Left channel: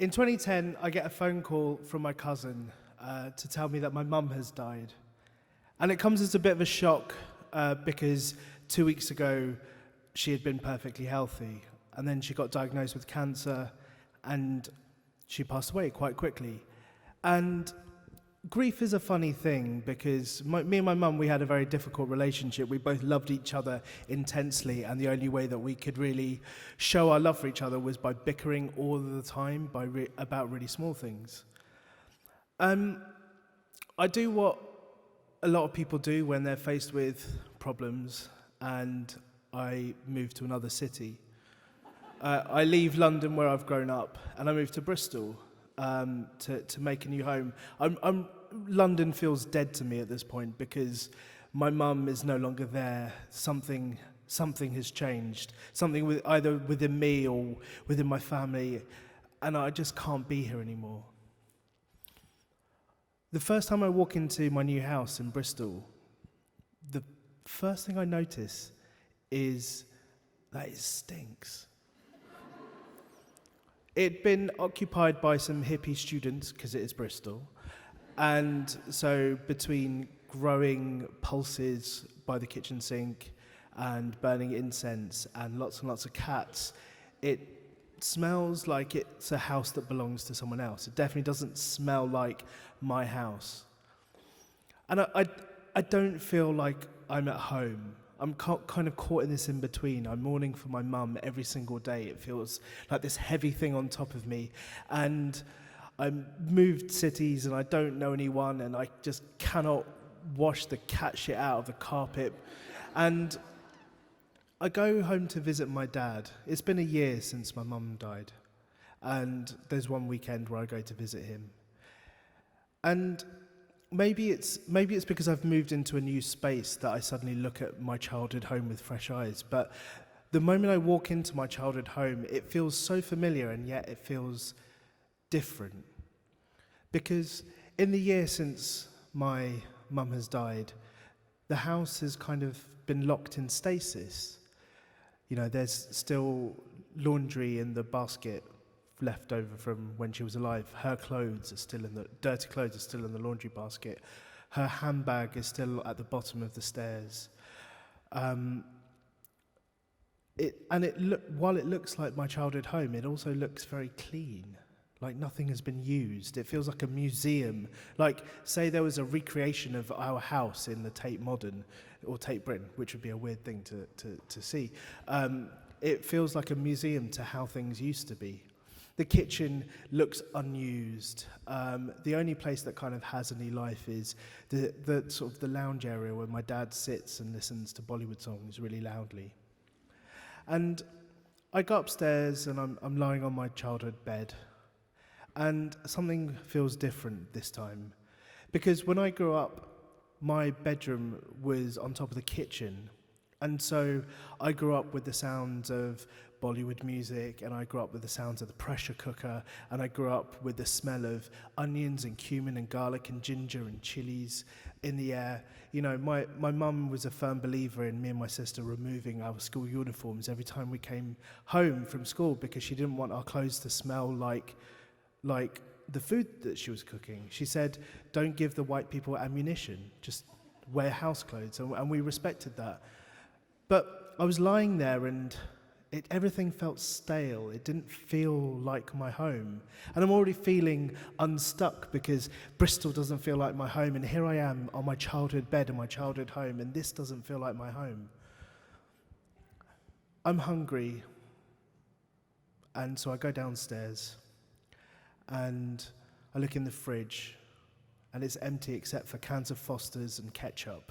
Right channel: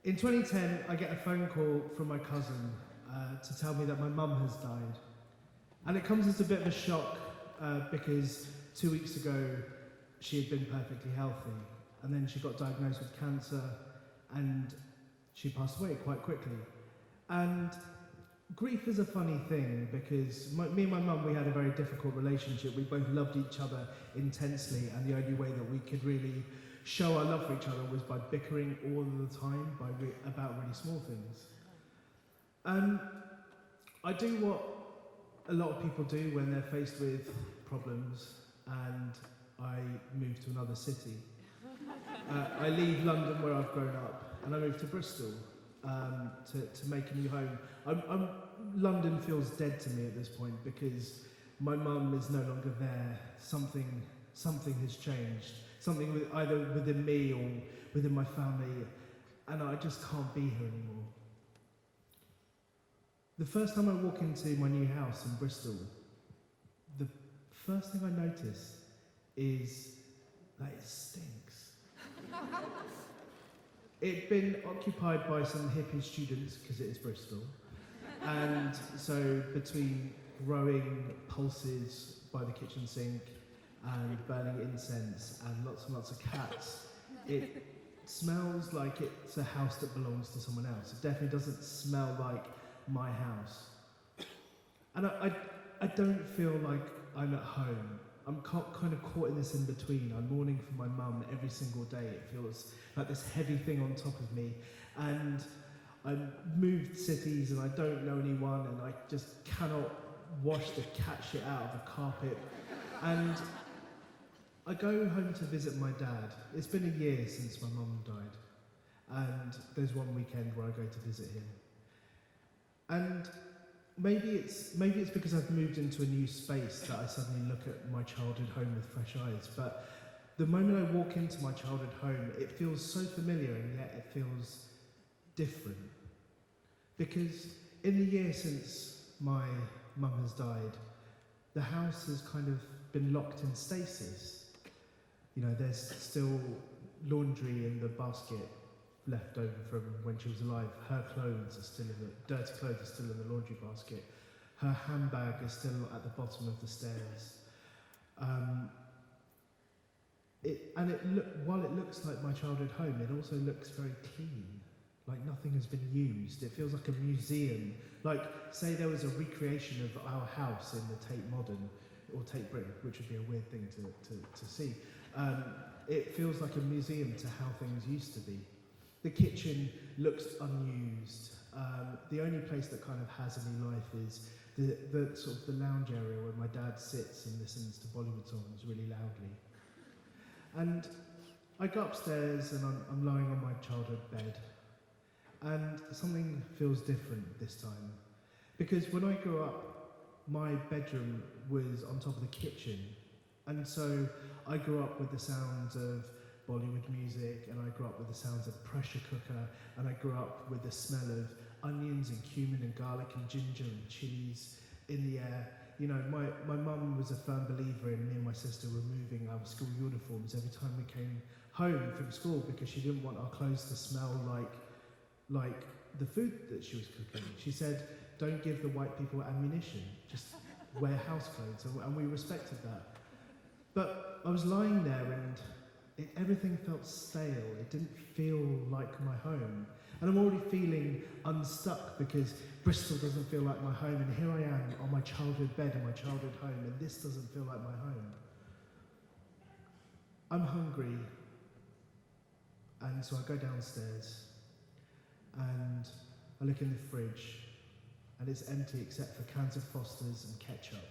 In 2010, I get a phone call from my cousin to tell me that my mum has died. And it comes as a bit of a shock because 2 weeks ago she had been perfectly healthy. And then she got diagnosed with cancer and she passed away quite quickly. And grief is a funny thing because me and my mum, we had a very difficult relationship. We both loved each other intensely, and the only way that we could really show our love for each other was by bickering all the time about really small things. I do what a lot of people do when they're faced with problems, and I move to another city. I leave London where I've grown up, and I move to Bristol to make a new home. London feels dead to me at this point because my mum is no longer there. Something has changed. Something either within me or within my family, and I just can't be here anymore. The first time I walk into my new house in Bristol, the first thing I notice is that it stinks. It'd been occupied by some hippie students, because it is Bristol, and so between growing pulses by the kitchen sink and burning incense and lots of cats, it smells like it's a house that belongs to someone else. It definitely doesn't smell like my house. And I don't feel like I'm at home. I'm kind of caught in this in between. I'm mourning for my mum every single day. It feels like this heavy thing on top of me. And I moved cities and I don't know anyone and I just cannot wash the cat shit out of the carpet. And I go home to visit my dad. It's been a year since my mum died. And there's one weekend where I go to visit him. And maybe it's because I've moved into a new space that I suddenly look at my childhood home with fresh eyes. But the moment I walk into my childhood home, it feels so familiar and yet it feels different. Because in the year since my mum has died, the house has kind of been locked in stasis. You know, there's still laundry in the basket left over from when she was alive. Her clothes are still dirty clothes are still in the laundry basket. Her handbag is still at the bottom of the stairs. While it looks like my childhood home, it also looks very clean. Like nothing has been used. It feels like a museum. Like, say there was a recreation of our house in the Tate Modern, or Tate Britain, which would be a weird thing to see. It feels like a museum to how things used to be. The kitchen looks unused. The only place that kind of has any life is the sort of the lounge area where my dad sits and listens to Bollywood songs really loudly. And I go upstairs and I'm lying on my childhood bed, and something feels different this time. Because when I grew up, my bedroom was on top of the kitchen. And so I grew up with the sounds of Bollywood music, and I grew up with the sounds of the pressure cooker, and I grew up with the smell of onions and cumin and garlic and ginger and chilies in the air. You know, my mum was a firm believer in me and my sister removing our school uniforms every time we came home from school because she didn't want our clothes to smell like the food that she was cooking. She said, don't give the white people ammunition, just wear house clothes, and we respected that. But I was lying there and everything felt stale. It didn't feel like my home. And I'm already feeling unstuck because Bristol doesn't feel like my home, and here I am on my childhood bed in my childhood home, and this doesn't feel like my home. I'm hungry, and so I go downstairs, and I look in the fridge, and it's empty except for cans of Foster's and ketchup,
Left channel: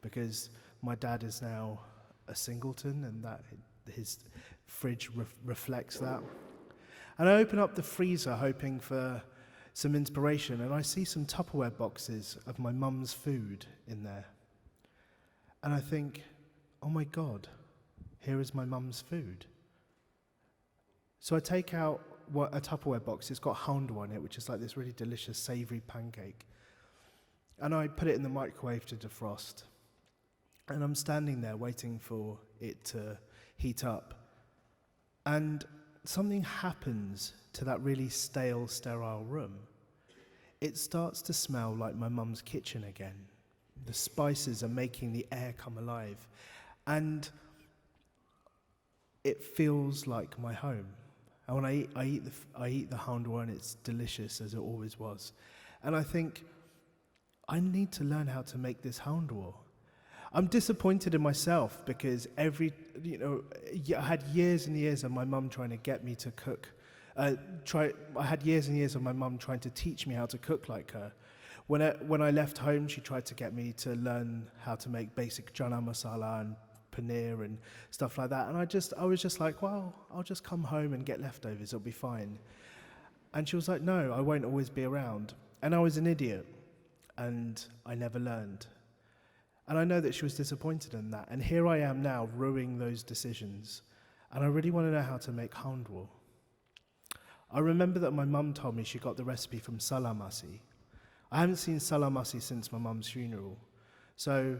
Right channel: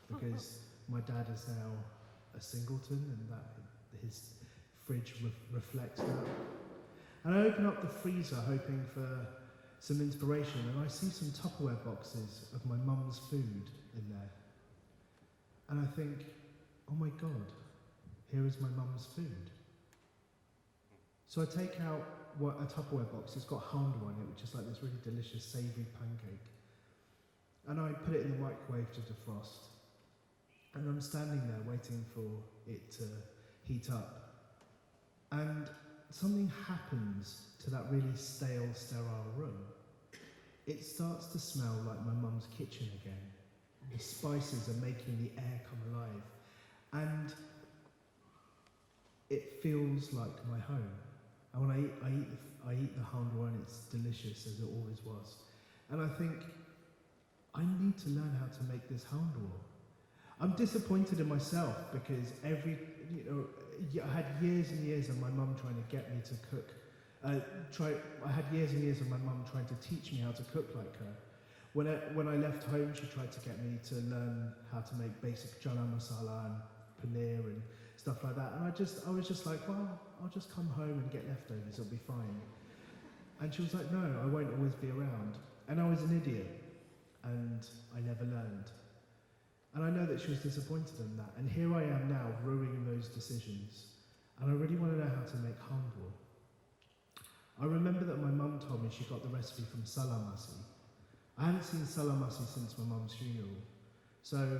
because my dad is now a singleton, and that his fridge reflects that. And I open up the freezer hoping for some inspiration, and I see some Tupperware boxes of my mum's food in there. And I think, oh my God, here is my mum's food. So I take out a Tupperware box. It's got halwa on it, which is like this really delicious savoury pancake. And I put it in the microwave to defrost. And I'm standing there waiting for it to heat up. And something happens to that really stale, sterile room. It starts to smell like my mum's kitchen again. The spices are making the air come alive. And it feels like my home. And when I eat the handwa, and it's delicious as it always was. And I think, I need to learn how to make this handwa. I'm disappointed in myself because I had years and years of my mum trying to get me to cook. I had years and years of my mum trying to teach me how to cook like her. When I left home, she tried to get me to learn how to make basic chana masala and paneer and stuff like that. And I was just like, well, I'll just come home and get leftovers, it'll be fine. And she was like, no, I won't always be around. And I was an idiot, and I never learned. And I know that she was disappointed in that. And here I am now, ruining those decisions. And I really want to know how to make handwa. I remember that my mum told me she got the recipe from salamasi. I haven't seen salamasi since my mum's funeral. So,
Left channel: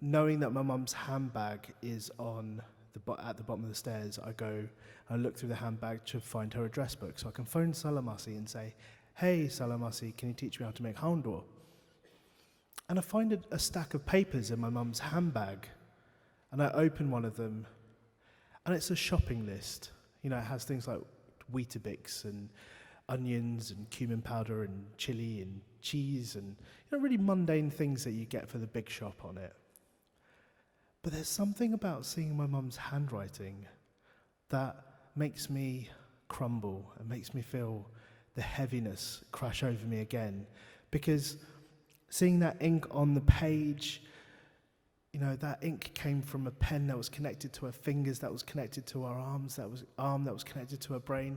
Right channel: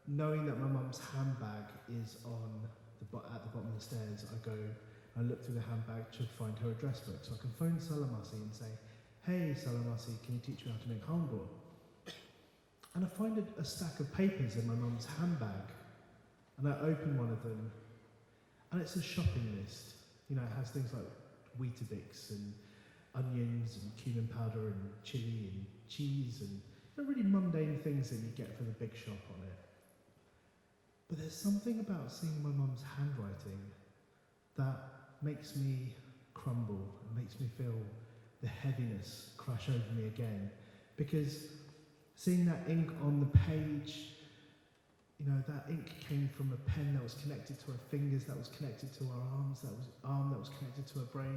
knowing that my mum's handbag is at the bottom of the stairs, I go and look through the handbag to find her address book. So I can phone Salamasi and say, hey Salamasi, can you teach me how to make handwa? And I find a stack of papers in my mum's handbag. And I open one of them, and it's a shopping list. It has things like Weetabix and onions and cumin powder and chili and cheese and really mundane things that you get for the big shop on it. But there's something about seeing my mum's handwriting that makes me crumble and makes me feel the heaviness crash over me again. Because seeing that ink on the page, that ink came from a pen that was connected to her fingers, that was connected to her arms, that was connected to her brain.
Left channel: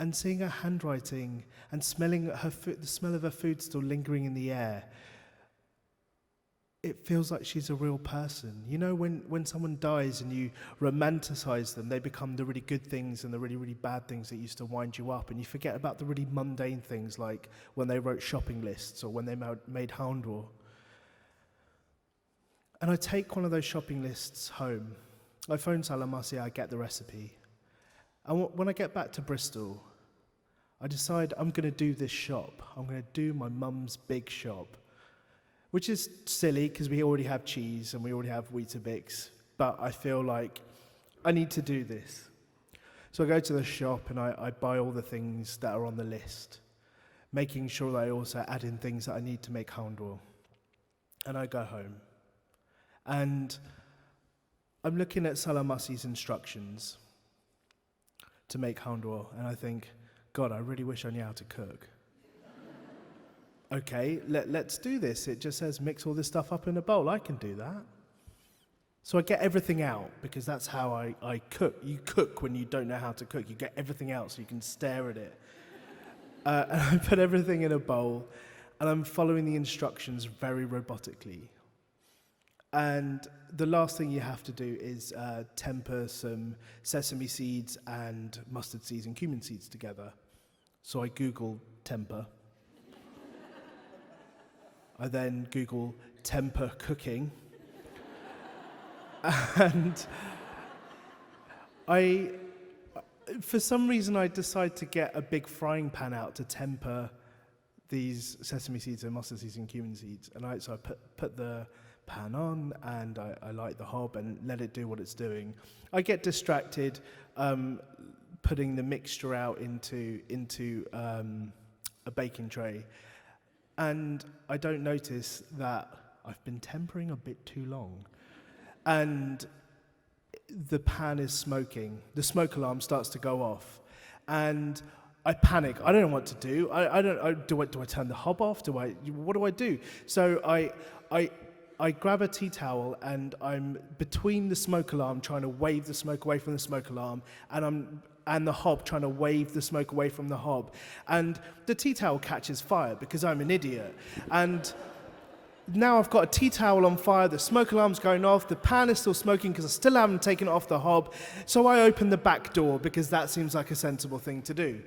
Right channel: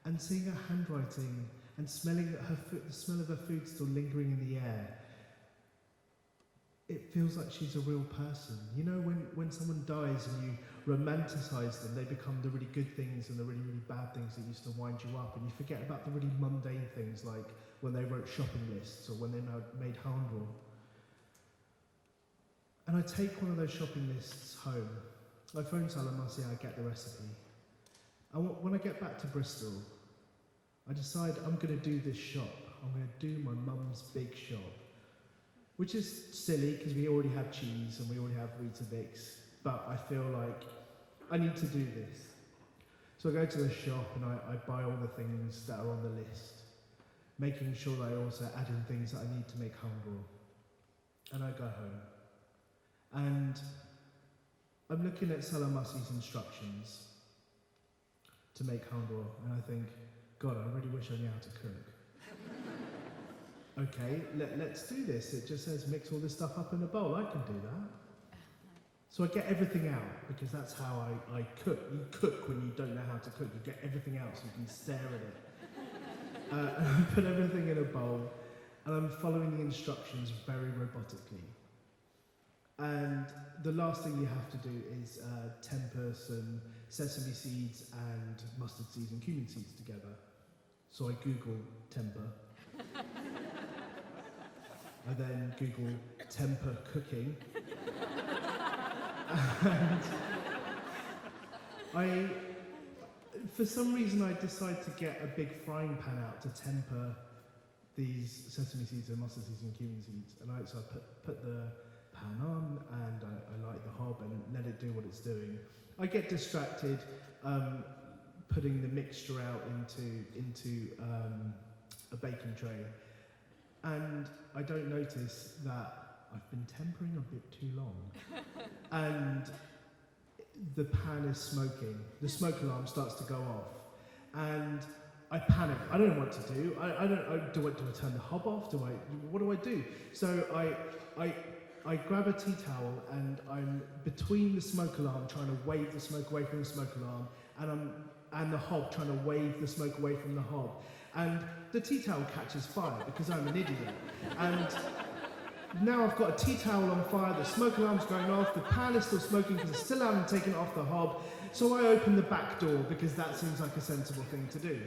And seeing her handwriting and smelling the smell of her food still lingering in the air, it feels like she's a real person. When someone dies and you romanticize them, they become the really good things and the really, really bad things that used to wind you up, and you forget about the really mundane things like when they wrote shopping lists or when they made handwa. And I take one of those shopping lists home. I phone Salamasi, I get the recipe. And when I get back to Bristol, I decide I'm going to do this shop. I'm going to do my mum's big shop. Which is silly because we already have cheese and we already have Weetabix, but I feel like I need to do this. So I go to the shop and I buy all the things that are on the list, making sure that I also add in things that I need to make handwa. And I go home. And I'm looking at Salamasi's instructions to make handwa, and I think, God, I really wish I knew how to cook. Okay, let's do this. It just says mix all this stuff up in a bowl. I can do that. So I get everything out, because that's how I cook. You cook when you don't know how to cook. You get everything out so you can stare at it. And I put everything in a bowl, and I'm following the instructions very robotically. And the last thing you have to do is temper some sesame seeds and mustard seeds and cumin seeds together. So I Google temper. I then Google temper cooking. And for some reason, I decide to get a big frying pan out to temper these sesame seeds and mustard seeds and cumin seeds. And so I put the pan on, and I light the hob and let it do what it's doing. I get distracted putting the mixture out into a baking tray, and I don't notice that I've been tempering a bit too long. And the pan is smoking. The smoke alarm starts to go off, and I panic. I don't know what to do. Do I turn the hob off? What do I do? So I grab a tea towel, and I'm between the smoke alarm trying to wave the smoke away from the smoke alarm, and the hob trying to wave the smoke away from the hob. And the tea towel catches fire because I'm an idiot. And now I've got a tea towel on fire, the smoke alarm's going off, the pan is still smoking because I still haven't taken it off the hob. So I open the back door because that seems like a sensible thing to do.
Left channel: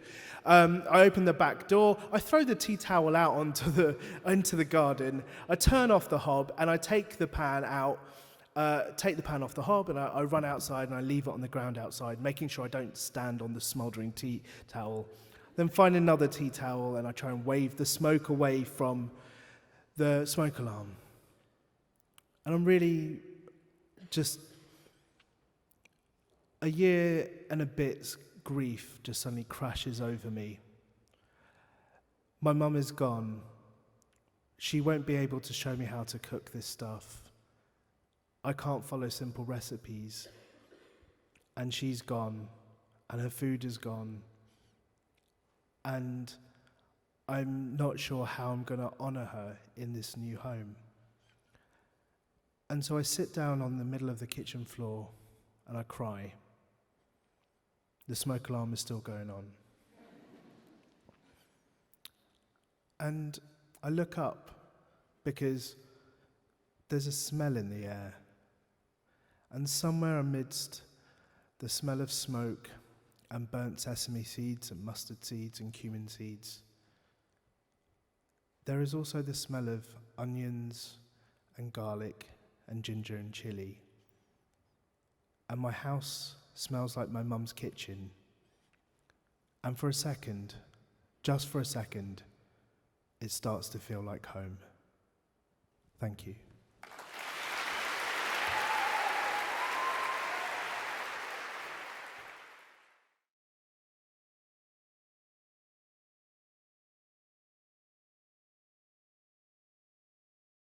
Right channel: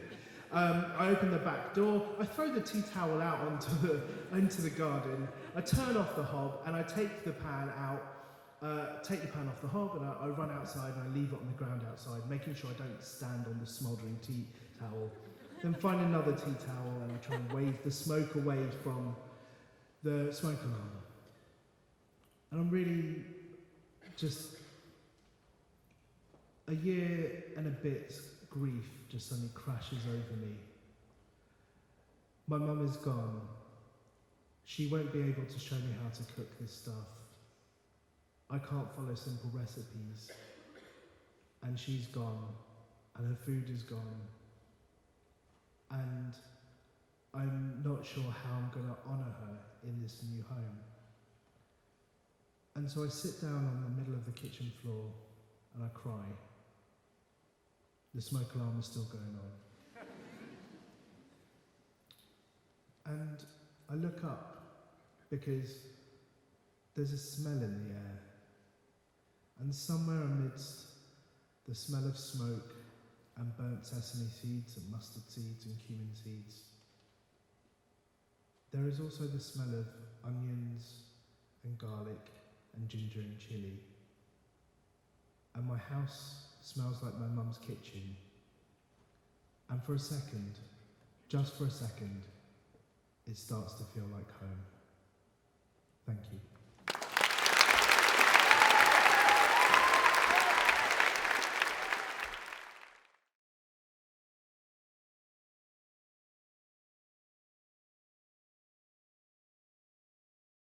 I open the back door, I throw the tea towel out into the garden, I turn off the hob, and I take the pan out, take the pan off the hob, and I run outside and I leave it on the ground outside, making sure I don't stand on the smouldering tea towel. Then find another tea towel and I try and wave the smoke away from the smoke alarm. And I'm really just a year and a bit's grief just suddenly crashes over me. My mum is gone. She won't be able to show me how to cook this stuff. I can't follow simple recipes. And she's gone, and her food is gone. And I'm not sure how I'm going to honour her in this new home. And so I sit down on the middle of the kitchen floor and I cry. The smoke alarm is still going on. And I look up because there's a smell in the air. And somewhere amidst the smell of smoke and burnt sesame seeds and mustard seeds and cumin seeds, there is also the smell of onions and garlic and ginger and chilli. And my house smells like my mum's kitchen. And for a second, just for a second, it starts to feel like home. Thank you.